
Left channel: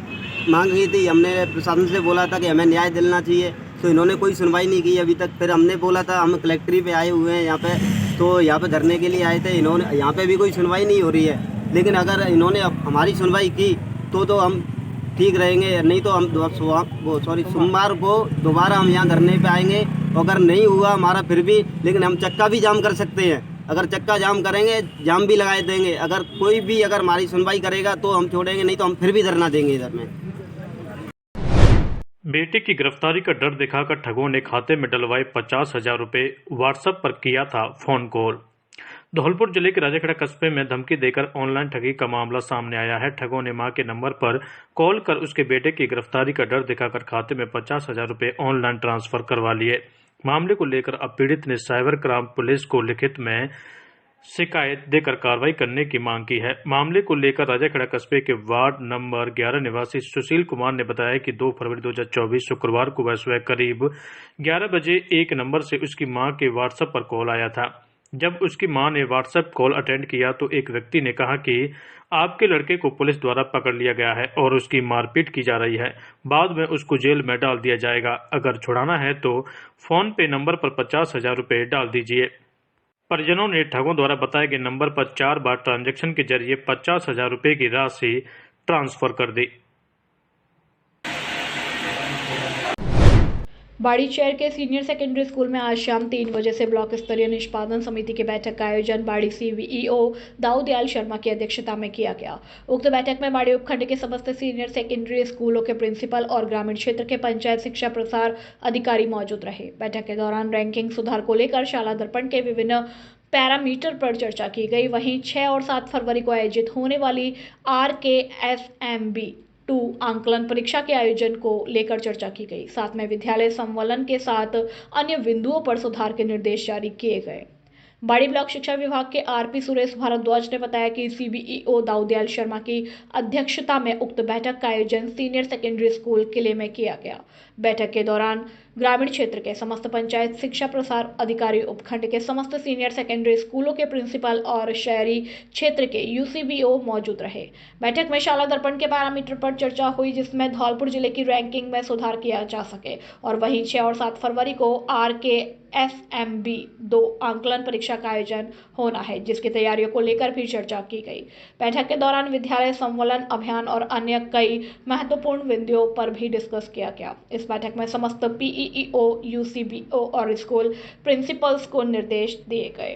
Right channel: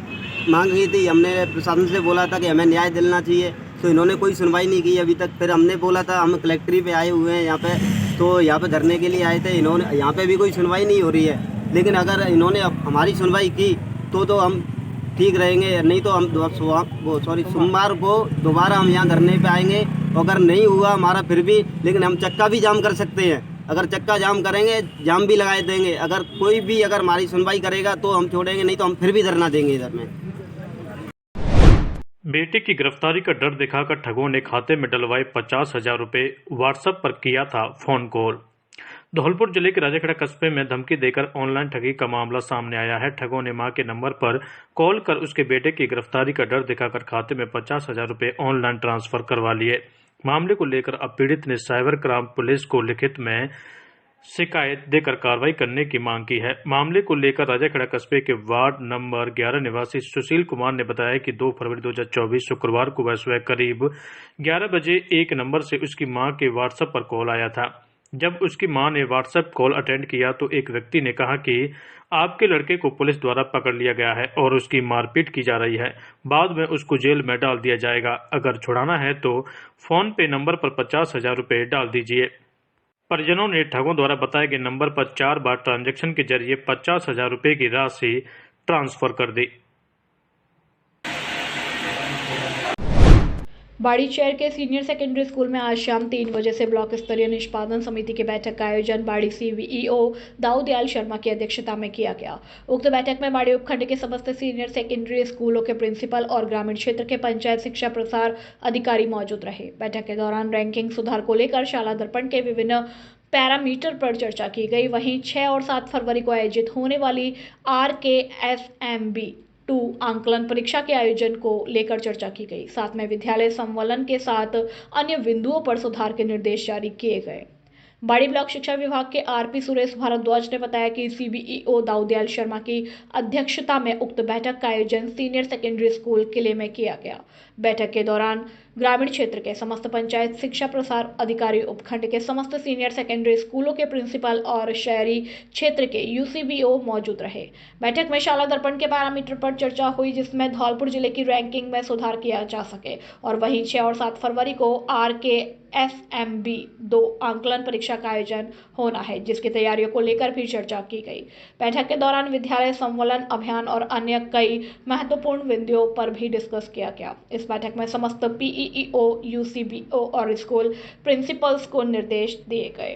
मांग की थी, हमने प्रशासन से बोला था कि हमें न्याय दिलाना चाहिए, तो इन्होंने कोई सुनवाई नहीं की अभी तक। फिर हमने बोला था, हम कलेक्ट्री पे आए हुए हैं यहाँ पे, तो यहाँ पे धरने के लिए आए थे। इन्होंने यहाँ पे भी कोई सुनवाई नहीं हो रही है। लेकिन अगर इन्होंने हमारी सुनवाई की तो हम ठीक रहेंगे, नहीं तो हम सोमवार को दोबारा हम यहाँ धरने पे आएंगे। अगर नहीं हुआ हमारा फिर भी, लेकिन हम चक्का भी जाम कर सकते हैं। अगर चक्का जाम करेंगे, जाम भी लगा देंगे। अगर कोई भी अगर हमारी सुनवाई करेगा तो हम छोड़ेंगे, नहीं तो हम फिर भी धरना देंगे इधर में। बेटे की गिरफ्तारी का डर दिखाकर ठगों ने खाते में डलवाए 50,000 रुपए। व्हाट्सएप पर किया था फोन कॉल। धौलपुर जिले के राजाखेड़ा कस्बे में धमकी देकर ऑनलाइन ठगी का मामला सामने आया है। ठगों ने मां के नंबर पर कॉल कर उसके बेटे की गिरफ्तारी का डर दिखाकर खाते में 50,000 रुपए ऑनलाइन ट्रांसफर करवा लिए। मामले को लेकर अब पीड़ित ने साइबर क्राइम पुलिस को लिखित में शिकायत देकर कार्रवाई करने की मांग की है। मामले को लेकर राजाखेड़ा कस्बे के वार्ड नंबर 11 निवासी सुशील कुमार ने बताया कि 2 फरवरी 2024 शुक्रवार को वह करीब 11 बजे एक नंबर से उसकी मां के व्हाट्सएप पर कॉल आया था। जब उसकी मां ने व्हाट्सएप कॉल अटेंड किया तो एक व्यक्ति ने कहा कि आपके लड़के को पुलिस द्वारा पकड़ लिया गया है और उसकी मारपीट की जा रही है, बाद में उसको जेल में डाल दिया जाएगा, अगर छुड़ाना है तो फोन पे नंबर पर 50,000 रुपए डाल दीजिए। परिजनों ने ठगों द्वारा बताए गए नंबर पर 4 बार ट्रांजैक्शन के जरिए 50,000 रुपए की राशि ट्रांसफर कर दी। बाड़ीशहर के सीनियर सेकेंडरी स्कूल में आज शाम 3 बजे से ब्लॉक स्तरीय निष्पादन समिति की बैठक का आयोजन बाड़ी सीईओ दाऊदयाल शर्मा की अध्यक्षता में किया गया। उक्त बैठक में बाड़ी उपखंड के समस्त सीनियर सेकेंडरी स्कूलों के प्रिंसिपल और ग्रामीण क्षेत्र के पंचायत शिक्षा प्रसार अधिकारी मौजूद रहे। बैठक के दौरान रैंकिंग सुधार को लेकर शाला दर्पण के विभिन्न पैरामीटर पर चर्चा की गई। वहीं 6 और 7 फरवरी को आयोजित होने वाली RKSMB 2 आंकलन परीक्षा के आयोजन को लेकर चर्चा की गई। साथ में विद्यालय संवलन के साथ अन्य बिंदुओं पर सुधार के निर्देश जारी किए गए। बाड़ी ब्लॉक शिक्षा विभाग के आरपी सुरेश भारद्वाज ने बताया कि सीबीईओ दाऊदयाल शर्मा की अध्यक्षता में उक्त बैठक का आयोजन सीनियर सेकेंडरी स्कूल किले में किया गया। बैठक के दौरान ग्रामीण क्षेत्र के समस्त पंचायत शिक्षा प्रसार अधिकारी, उपखंड के समस्त सीनियर सेकेंडरी स्कूलों के प्रिंसिपल और शहरी क्षेत्र के यूसीबीओ मौजूद रहे। बैठक में शाला दर्पण के पैरामीटर पर चर्चा हुई, जिसमें धौलपुर जिले की रैंकिंग में सुधार किया जा सके और वहीं 6 और 7 फरवरी को RKSMB 2 आंकलन परीक्षा का आयोजन होना है, जिसकी तैयारियों को लेकर भी चर्चा की गई। बैठक के दौरान विद्यालय संवलन अभियान और अन्य कई महत्वपूर्ण बिंदुओं पर भी डिस्कस किया गया। इस बैठक में समस्त PEO, UCBO और स्कूल प्रिंसिपल्स को निर्देश दिए गए।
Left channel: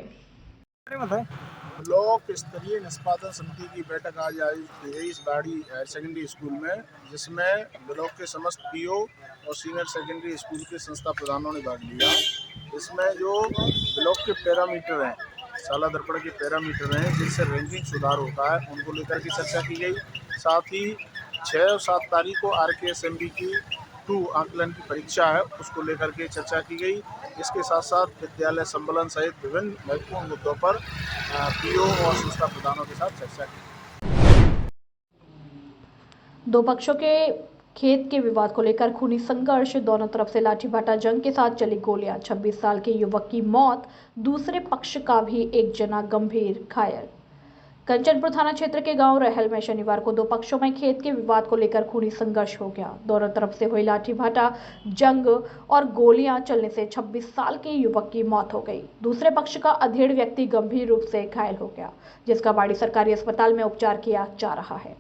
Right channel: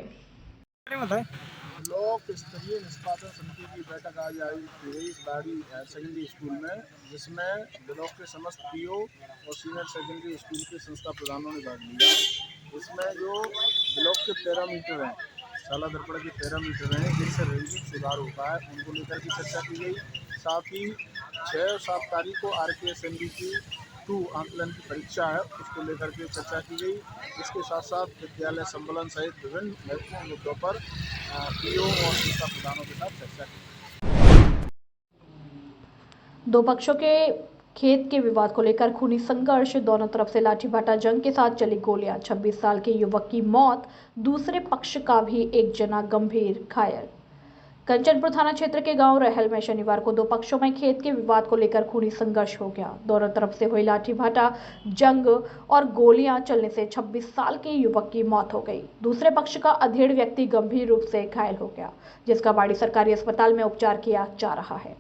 ब्लॉक स्तरीय निष्पादन समिति की बैठक आज आयोजित की गई इस बाड़ी हायर सेकेंडरी स्कूल में, जिसमें ब्लॉक के समस्त PO और सीनियर सेकेंडरी स्कूल के संस्था प्रधानों ने भाग लिया। इसमें जो ब्लॉक के पैरामीटर हैं, शाला दर्पण के पैरामीटर हैं, जिनसे रैंकिंग सुधार होता है, उनको लेकर के चर्चा की गई। साथ ही 6 और 7 तारीख को RKSMB की 2 आंकलन की परीक्षा है, उसको लेकर के चर्चा की गई। इसके साथ साथ विद्यालय संवलन सहित विभिन्न महत्वपूर्ण मुद्दों पर PO और संस्था प्रधानों के साथ चर्चा की। दो पक्षों के खेत के विवाद को लेकर खूनी संघर्ष, दोनों तरफ से लाठीभाटा जंग के साथ चली गोलियां, 26 साल के युवक की मौत, दूसरे पक्ष का भी एक जना गंभीर घायल। कंचनपुर थाना क्षेत्र के गांव रहल में शनिवार को दो पक्षों में खेत के विवाद को लेकर खूनी संघर्ष हो गया। दोनों तरफ से हुई लाठीभाटा जंग और गोलियां चलने से 26 साल के युवक की मौत हो गई। दूसरे पक्ष का अधेड़ व्यक्ति गंभीर रूप से घायल हो गया, जिसका बाड़ी सरकारी अस्पताल में उपचार किया जा रहा है।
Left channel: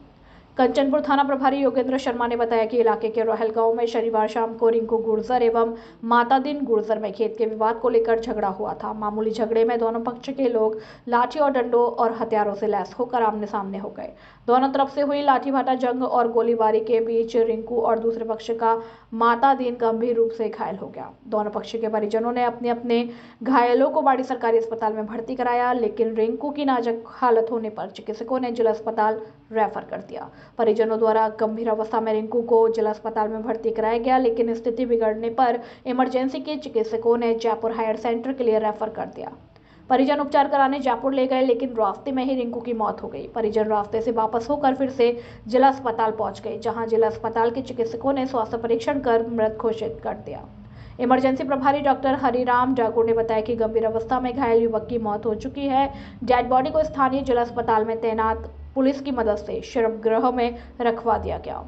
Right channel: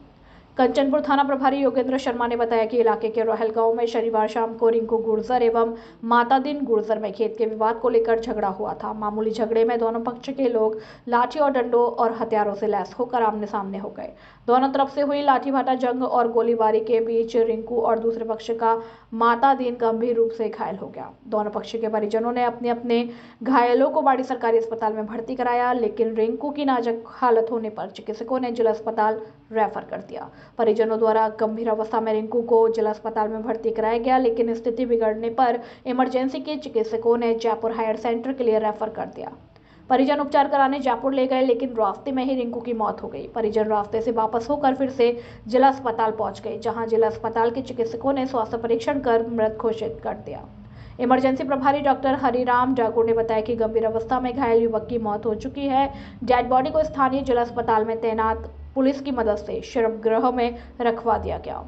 कंचनपुर थाना प्रभारी योगेंद्र शर्मा ने बताया कि इलाके के रहल गांव में शनिवार शाम को रिंकू गुर्जर एवं माता दिन गुर्जर में खेत के विवाद को लेकर झगड़ा हुआ था। मामूली झगड़े में दोनों पक्ष के लोग लाठी और डंडों और हथियारों से लैस होकर आमने सामने हो गए। दोनों तरफ से हुई लाठीभाटा जंग और गोलीबारी के बीच रिंकू और दूसरे पक्ष का माता दिन गंभीर रूप से घायल हो गया। दोनों पक्ष के परिजनों ने अपने अपने घायलों को बाड़ी सरकारी अस्पताल में भर्ती कराया, लेकिन रिंकू की नाजुक हालत होने पर चिकित्सकों ने जिला अस्पताल रेफर कर दिया। परिजनों द्वारा गंभीर अवस्था में रिंकू को जिला अस्पताल में भर्ती कराया गया, लेकिन स्थिति बिगड़ने पर इमरजेंसी के चिकित्सकों ने जयपुर हायर सेंटर के लिए रेफर कर दिया। परिजन उपचार कराने जयपुर ले गए, लेकिन रास्ते में ही रिंकू की मौत हो गई। परिजन रास्ते से वापस होकर फिर से जिला अस्पताल पहुंच गए, जहां जिला अस्पताल के चिकित्सकों ने स्वास्थ्य परीक्षण कर मृत घोषित कर दिया। इमरजेंसी प्रभारी डॉक्टर हरिराम जागुर ने बताया कि गंभीर अवस्था में घायल युवक की मौत हो चुकी है। डेड बॉडी को स्थानीय जिला अस्पताल में तैनात पुलिस की मदद से शवगृह में रखवा दिया गया।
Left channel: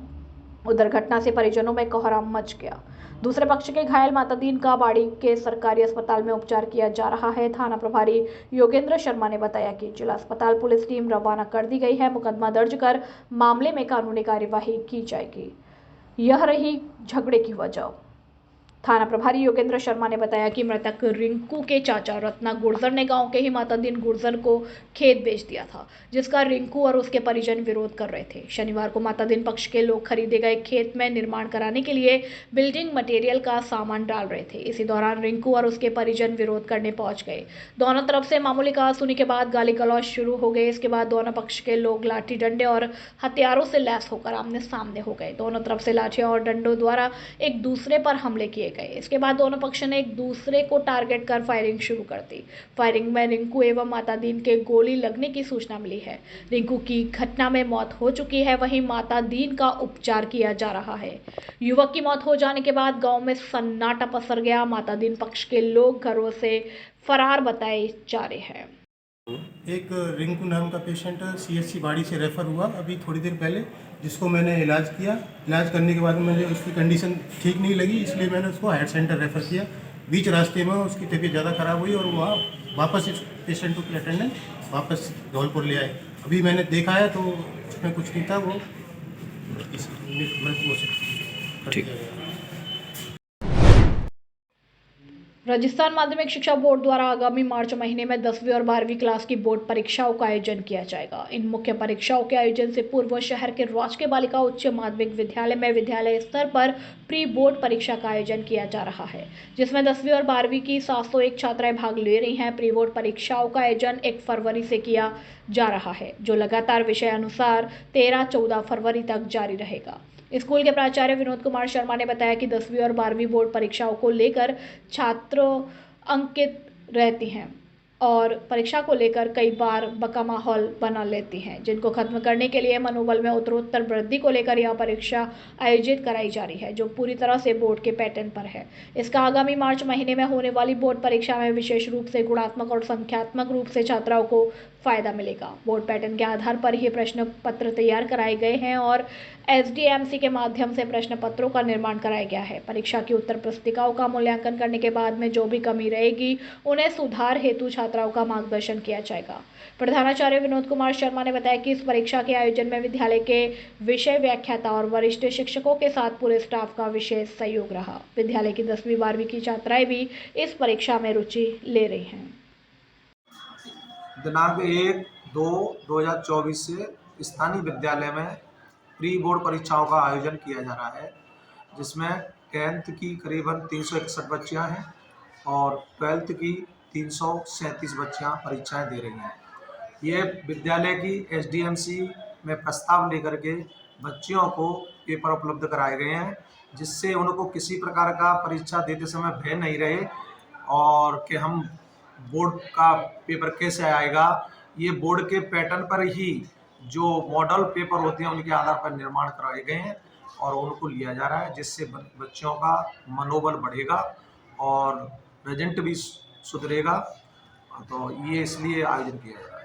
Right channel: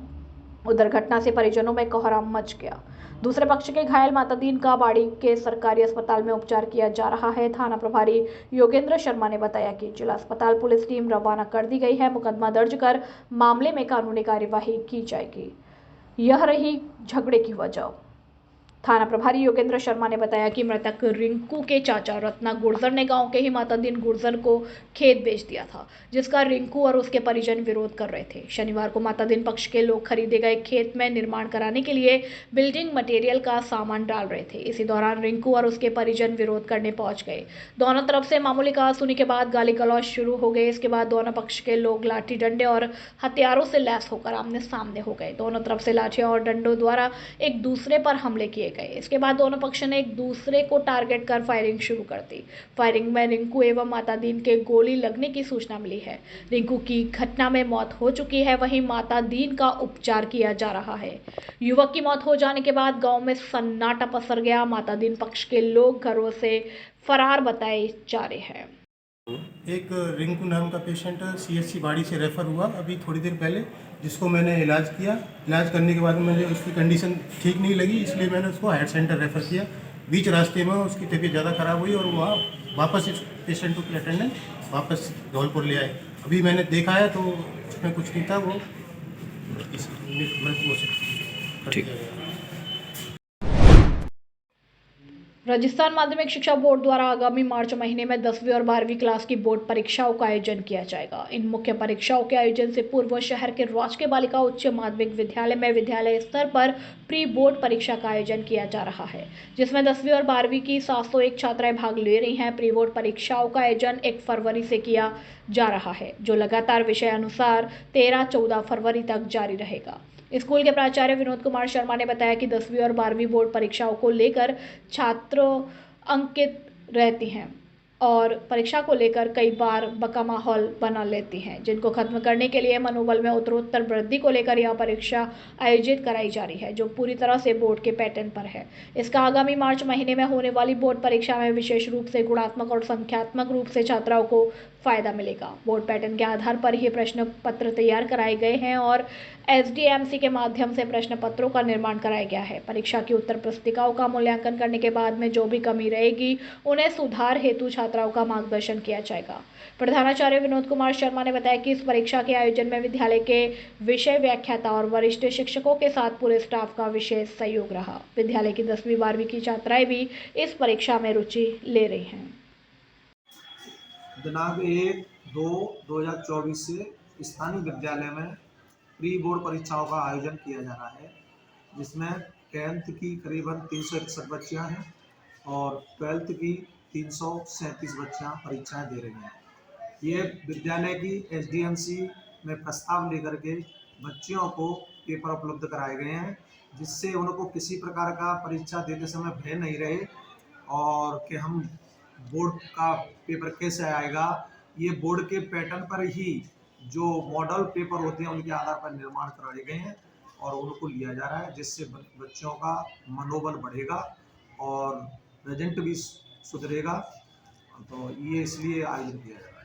उधर घटना से परिजनों में कोहराम मच गया। दूसरे पक्ष के घायल माता दीन का बाड़ी के सरकारी अस्पताल में उपचार किया जा रहा है। थाना प्रभारी योगेंद्र शर्मा ने बताया कि जिला अस्पताल पुलिस टीम रवाना कर दी गई है। मुकदमा दर्ज कर मामले में कानूनी कार्यवाही की जाएगी। यह रही झगड़े की वजह। थाना प्रभारी योगेंद्र शर्मा ने बताया कि मृतक रिंकू के चाचा रत्ना गुर्जर ने गांव के ही माता दिन गुर्जर को खेत बेच दिया था, जिसका रिंकू और उसके परिजन विरोध कर रहे थे। शनिवार को माता दिन पक्ष के लोग खरीदे गए खेत में निर्माण कराने के लिए बिल्डिंग मटेरियल का सामान डाल रहे थे। इसी दौरान रिंकू और उसके परिजन विरोध करने पहुंच गए। दोनों तरफ से मामूली कहासुनी के बाद गाली गलौज शुरू हो गए। इसके बाद दोनों पक्ष के लोग लाठी डंडे और हथियारों से लैस होकर आमने सामने हो गए। दोनों तरफ से लाठियों और डंडों द्वारा एक दूसरे पर हमले किए गए। इसके बाद दोनों पक्ष ने एक दूसरे को टारगेट कर फायरिंग शुरू कर दी। फायरिंग में रिंकू एवं माता दीन के गोली लगने की सूचना मिली है। रिंकू की घटना में मौत हो चुकी है, वहीं माता दीन का उपचार किया जा रहा है। युवक की मौत हो जाने के बाद गांव में सन्नाटा पसर गया। माता दीन पक्ष के लोग घरों से फरार बताए जा रहे हैं। एक रिंकू नाम का पेशेंट CHC बाड़ी से रेफ़र हुआ अभी थोड़ी देर पहले, जिसको मैंने इलाज किया। इलाज करने के बाद मुझे उसकी कंडीशन ठीक नहीं लगी, इसलिए मैंने उसको हायर सेंटर रेफ़र किया। बीच रास्ते में उसकी तबीयत ज़्यादा ख़राब हुई और वहाँ वापस इस पेशेंट को अटेंडेंट वापस धौलपुर ले आए। अभी मैंने देखा है तो उसमें कुछ नहीं था, वो मृत घोषित कर दिया गया। राजस्थान माध्यमिक शिक्षा बोर्ड द्वारा आगामी मार्च महीने में 10वीं और 12वीं क्लास की बोर्ड परीक्षाओं का आयोजन किया जाएगा। इन मुख्य परीक्षाओं के आयोजन से पूर्व शहर के राजकीय बालिका उच्च माध्यमिक विद्यालय में विद्यालय स्तर पर प्री बोर्ड परीक्षा का आयोजन किया जा रहा है, जिसमें 10वीं और 12वीं की 701 छात्राएं भाग ले रही हैं। प्री बोर्ड परीक्षाओं का आयोजन 1 फरवरी से किया जा रहा है, जो लगातार विषय अनुसार 13-14 फरवरी तक जारी रहेगा। स्कूल के प्राचार्य विनोद कुमार शर्मा ने बताया कि 10वीं और 12वीं बोर्ड परीक्षाओं को लेकर छात्र अंकित रहती हैं और परीक्षा को लेकर कई बार बका माहौल बना लेती हैं, जिनको खत्म करने के लिए मनोबल में उत्तरोत्तर वृद्धि को लेकर यह परीक्षा आयोजित कराई जा रही है, जो पूरी तरह से बोर्ड के पैटर्न पर है। इसका आगामी मार्च महीने में होने वाली बोर्ड परीक्षा में विशेष रूप से गुणात्मक और संख्यात्मक रूप से छात्राओं को फायदा मिलेगा। बोर्ड पैटर्न के आधार पर ही प्रश्न पत्र तैयार कराए गए हैं और SDMC के माध्यम से प्रश्न पत्रों का निर्माण कराया गया है। परीक्षा की उत्तर पुस्तिकाओं का मूल्यांकन करने के बाद में जो भी कमी रहेगी उन्हें सुधार हेतु छात्राओं का मार्गदर्शन किया जाएगा। प्रधानाचार्य विनोद कुमार शर्मा ने बताया कि इस परीक्षा के आयोजन में विद्यालय के विषय व्याख्याता और वरिष्ठ शिक्षकों के साथ पूरे स्टाफ का विशेष सहयोग रहा। विद्यालय की 10वीं 12वीं की छात्राएं भी इस परीक्षा में रुचि ले रही हैं। दिनांक 1-2-2024 से स्थानीय विद्यालय में प्री बोर्ड परीक्षाओं का आयोजन किया जा रहा है, जिसमें 10th की करीबन 361 बच्चियां हैं और 12th की 337 बच्चियां परीक्षाएं दे रही हैं। ये विद्यालय की SDMC में प्रस्ताव लेकर के बच्चियों को पेपर उपलब्ध कराए गए हैं, जिससे उनको किसी प्रकार का परीक्षा देते समय भय नहीं रहे और कि हम बोर्ड का पेपर कैसे आएगा। ये बोर्ड के पैटर्न पर ही जो मॉडल पेपर होते हैं उनके आधार पर निर्माण कराए गए हैं और उनको लिया जा रहा है, जिससे बच्चों का मनोबल बढ़ेगा और रिजल्ट भी सुधरेगा। तो ये इसलिए आयोजन किया जा रहा है।